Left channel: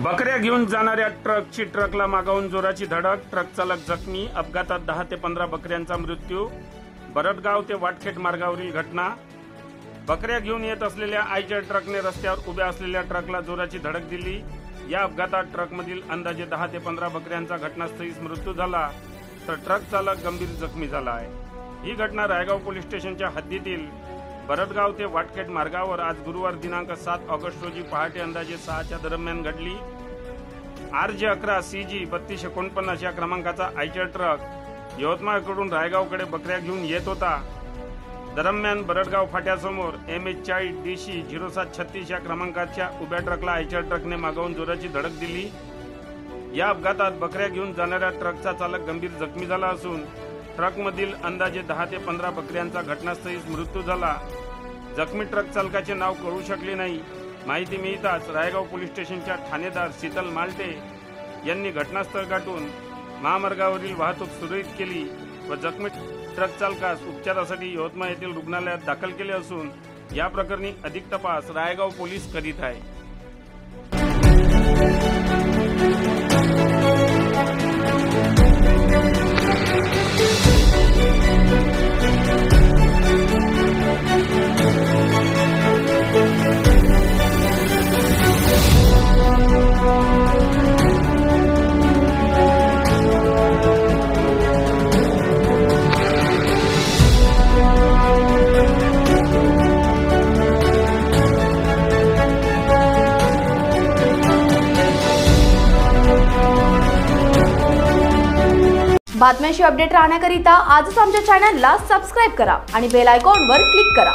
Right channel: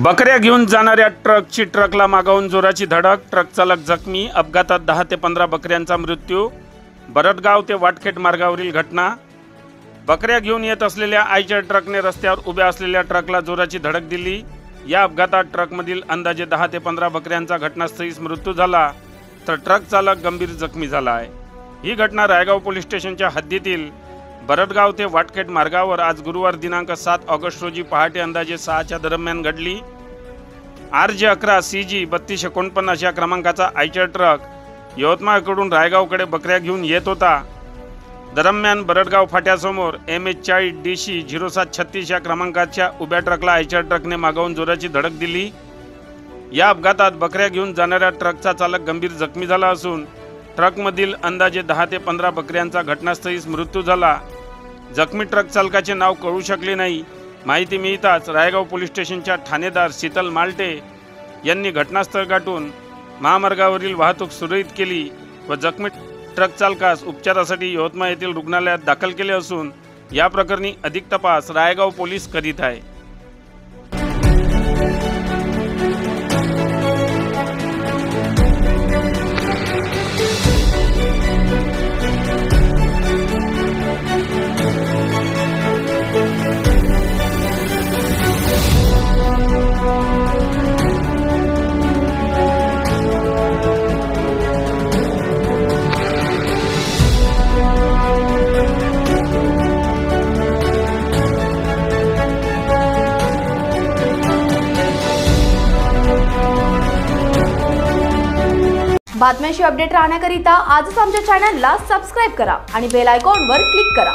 बकऱ्या घेऊन जाणाऱ्या ट्रकची ट्रकला मागावून जोराची धडक, ट्रक चालक जखमी, अपघातात 10 ते 15 बकऱ्यांचा मृत्यू। बरडगाव ते वाटखेट मार्गावरील घटना। बकऱ्या घेऊन येत असलेल्या आयच्या ट्रकने रस्त्यावर उभ्या असलेल्या ट्रकला जोराची धडक दिली। या अपघातात ट्रकमधील अंदाजे 10 ते 15 बकऱ्यांचा घटनास्थळीच मृत्यू झाला, तर ट्रक चालक गंभीर जखमी झाला आहे। ही घटना रायगाव पोलीस स्टेशनच्या हद्दीतील बरडगाव ते वाटखेट मार्गावर आज गुरुवार दिनांक 7 ऑगस्ट रोजी पहाटे अंदाजे 6च्या दरम्यान घडली। RJ11 CG 3249 या क्रमांकाचा आयचर ट्रक यवतमाळकडून रायगावकडे बकऱ्या घेऊन येत होता। दरम्यान बरडगाव फाट्यासमोर MH40 DC 0736 या क्रमांकाच्या उभ्या ट्रकला आयचर ट्रकने मागावून जोराची धडक दिली। या अपघातात बकऱ्या घेऊन जाणाऱ्या ट्रकचा चालक गंभीर जखमी झाला असून ट्रकमधील अंदाजे 10 ते 15 बकऱ्यांचा घटनास्थळीच मृत्यू झाला। जखमी ट्रक चालकाचे नाव कळू शकले नाही। माहिती मिळताच रायगाव पोलीस स्टेशनच्या ठाणेदार शीतल मालटे यांनी घटनास्थळ गाठून महामार्गावरील वाहतूक सुरळीत केली व जखमी ट्रक चालकास उपचारासाठी यवतमाळ येथील रुग्णालयात दाखल केले असून या प्रकरणी अधिक तपास रायगाव पोलीस करीत आहे। बातम्यांशी अपडेट राहण्याकरिता आजच आमच्या चॅनलला सबस्क्राइब करा आणि बेल आयकॉनवर क्लिक करा।